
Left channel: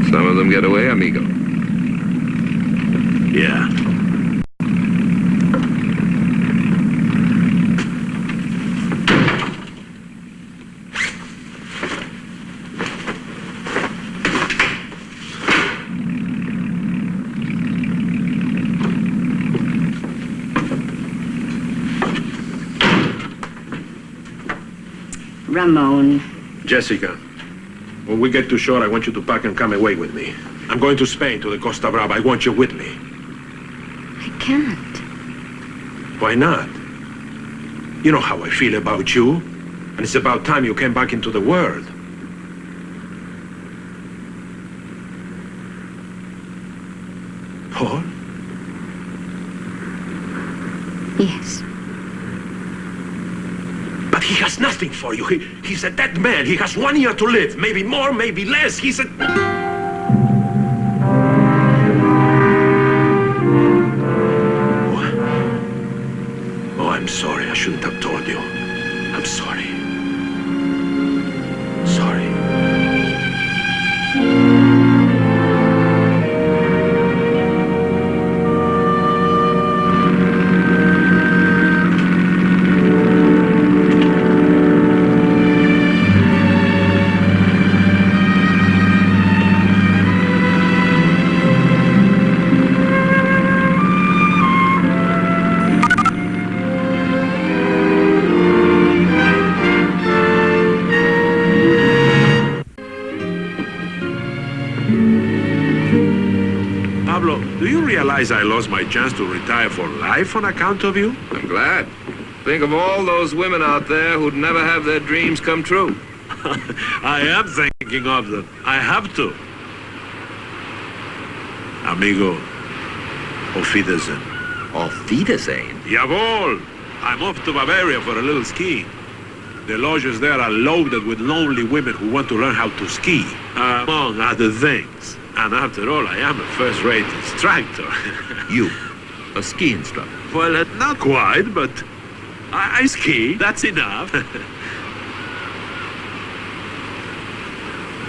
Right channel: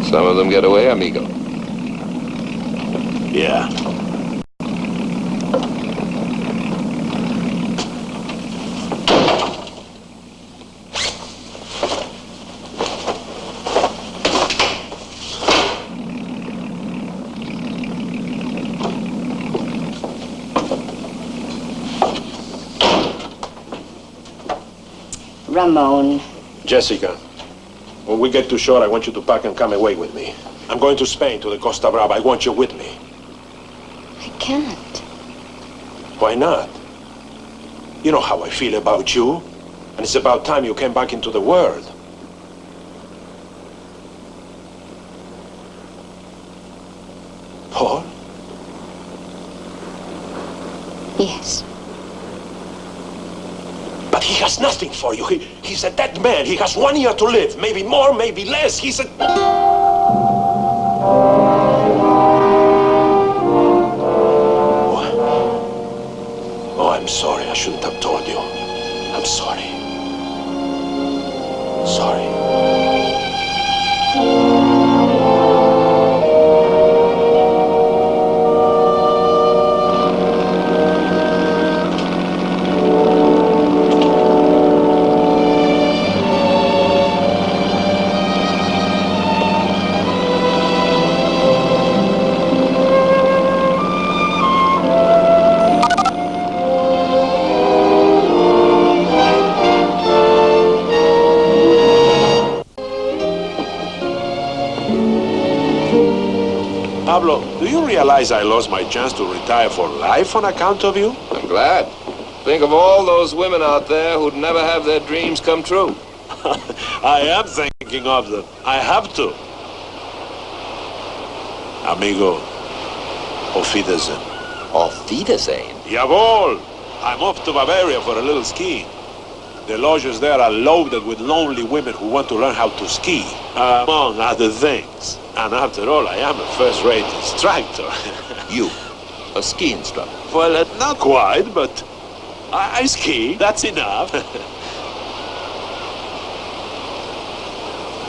Some of them get away, amigo. Yeah. Ramon. Jessica, when we get to shore, I want you to pack and come away with me. I'm going to Spain, to the Costa Brava. I want you with me. I can't. Why not? You know how I feel about you. And it's about time you came back into the world. Paul? Yes. But he has nothing for you. He's a dead man. He has 1 year to live. Maybe more, maybe less. He's a... Oh, I'm sorry. I shouldn't have told you. I'm sorry. Sorry. Pablo, do you realize I lost my chance to retire for life on account of you? I'm glad. Think of all those women out there who'd never have their dreams come true. I am thinking of them. I have to. Amigo, auf Wiedersehen. Auf Wiedersehen? Jawohl! I'm off to Bavaria for a little skiing. The lodges there are loaded with lonely women who want to learn how to ski, among other things. And after all, I am a first-rate instructor. You? A ski instructor? Well, not quite, but I ski. That's enough.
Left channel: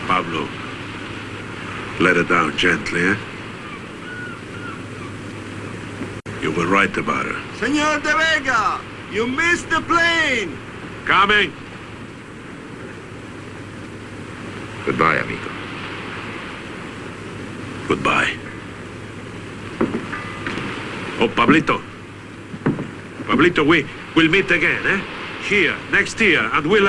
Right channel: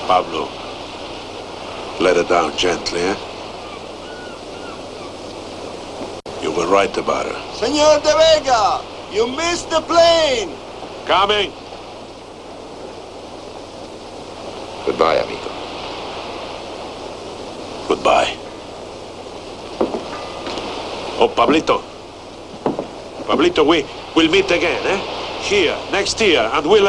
Pablo, let her down gently, eh? You were right about her. Senor De Vega, you missed the plane. Coming. Goodbye, amigo. Goodbye. Oh, Pablito. Pablito, we'll meet again, eh? Here, next year, and we'll...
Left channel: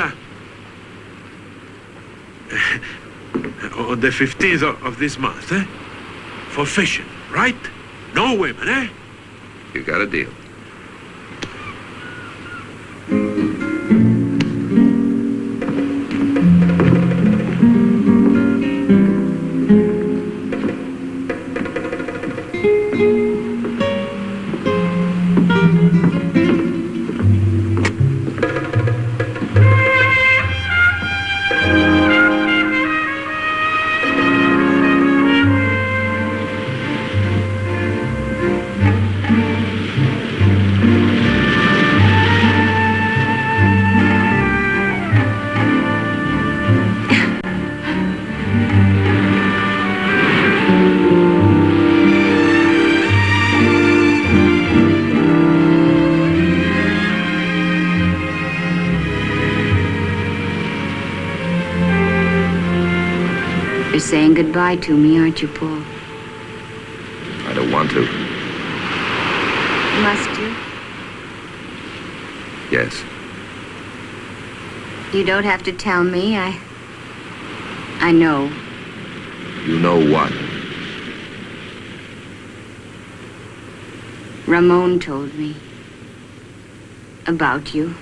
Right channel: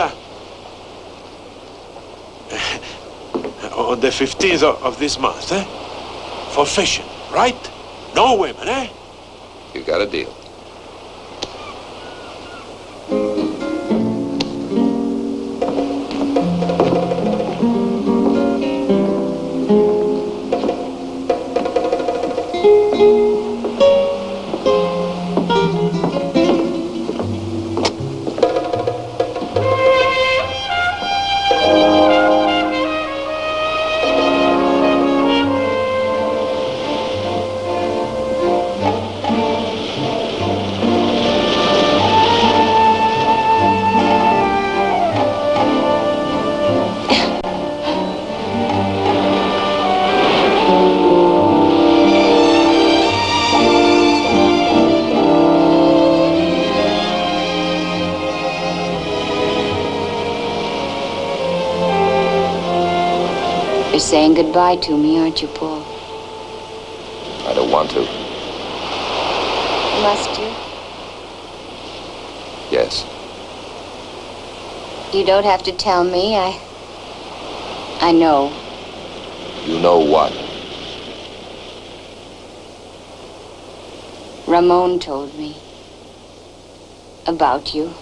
On the 15th of this month, eh? For fishing, right? No women, eh? You got a deal. You're saying goodbye to me, aren't you, Paul? I don't want to. Must you? Yes. You don't have to tell me. I know. You know what? Ramon told me about you.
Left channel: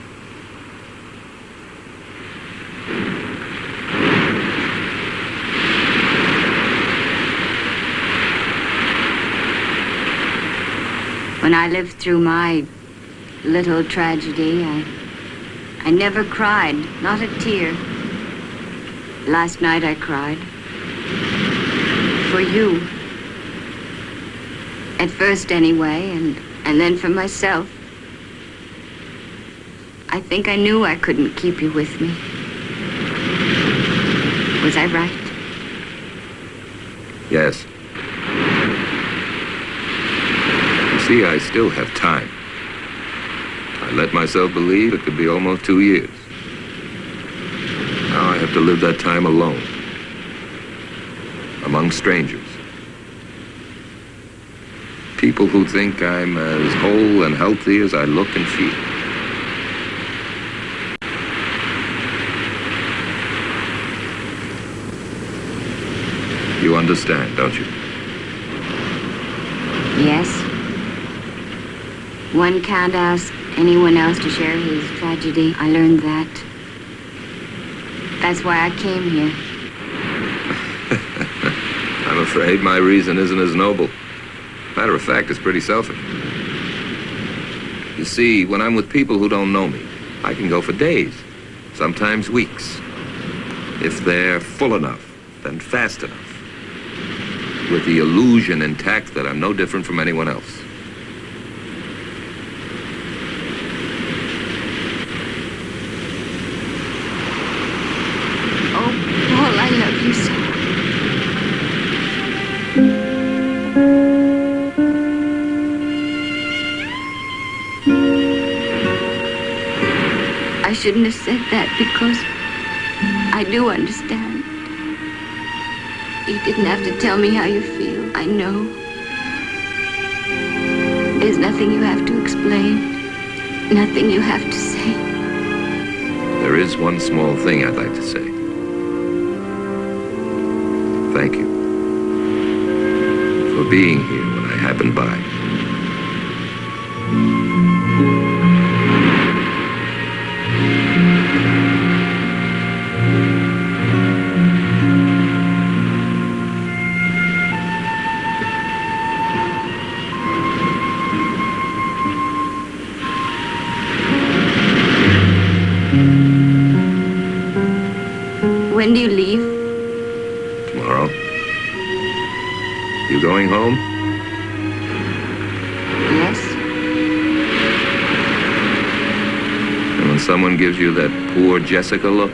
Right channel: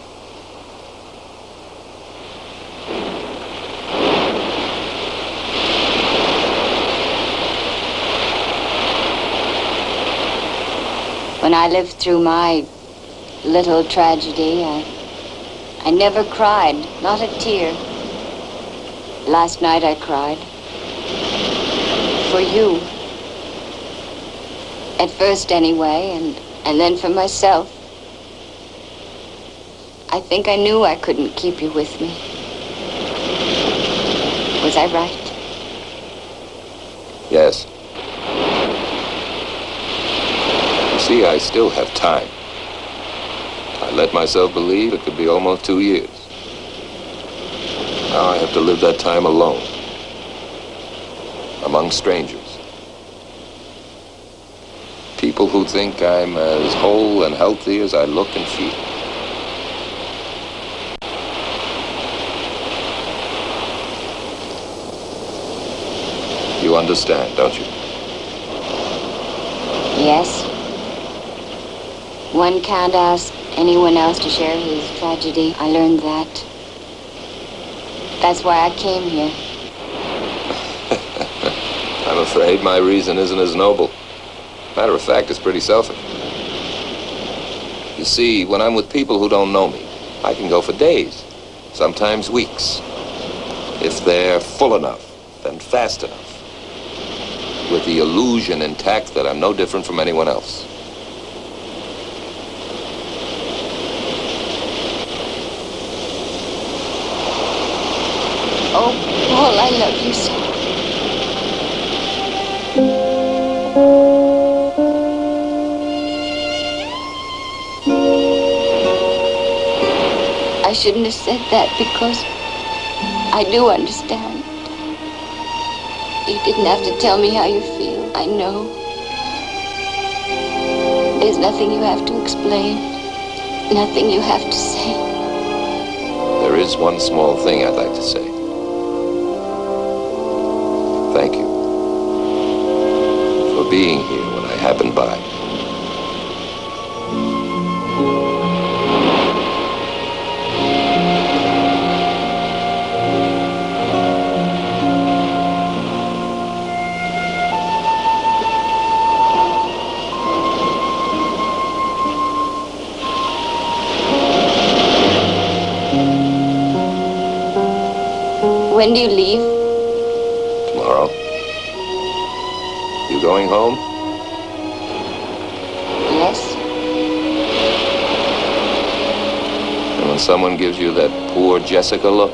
When I lived through my little tragedy, I never cried, not a tear. Last night I cried. For you. At first anyway, and then for myself. I think I knew I couldn't keep you with me. Was I right? Yes. You see, I still have time. I let myself believe it could be almost 2 years. Now I have to live that time alone. Among strangers. People who think I'm as whole and healthy as I look and feel. You understand, don't you? Yes. One can't ask anyone else to share his tragedy. I learned that. That's why I came here. I'm afraid my reason isn't as noble. Matter of fact, it's pretty selfish. You see, when I'm with people who don't know me, I can go for days, sometimes weeks. If they're full enough, then fast enough. With the illusion intact that I'm no different from anyone else. Oh, Paul, I love you so. I shouldn't have said that because I do understand. You didn't have to tell me how you feel. I know. There's nothing you have to explain. Nothing you have to say. There is one small thing I'd like to say. Thank you for being here when I happened by. When do you leave? Tomorrow. You going home? Yes. And when someone gives you that poor Jessica look?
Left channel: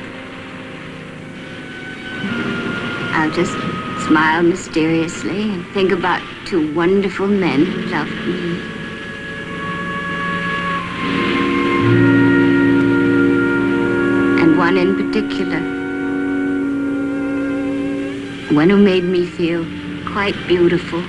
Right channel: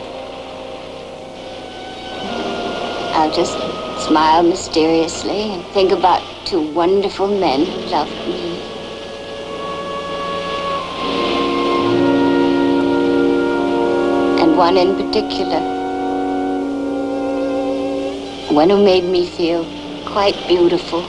I'll just smile mysteriously and think about two wonderful men who loved me. And one in particular. One who made me feel quite beautiful.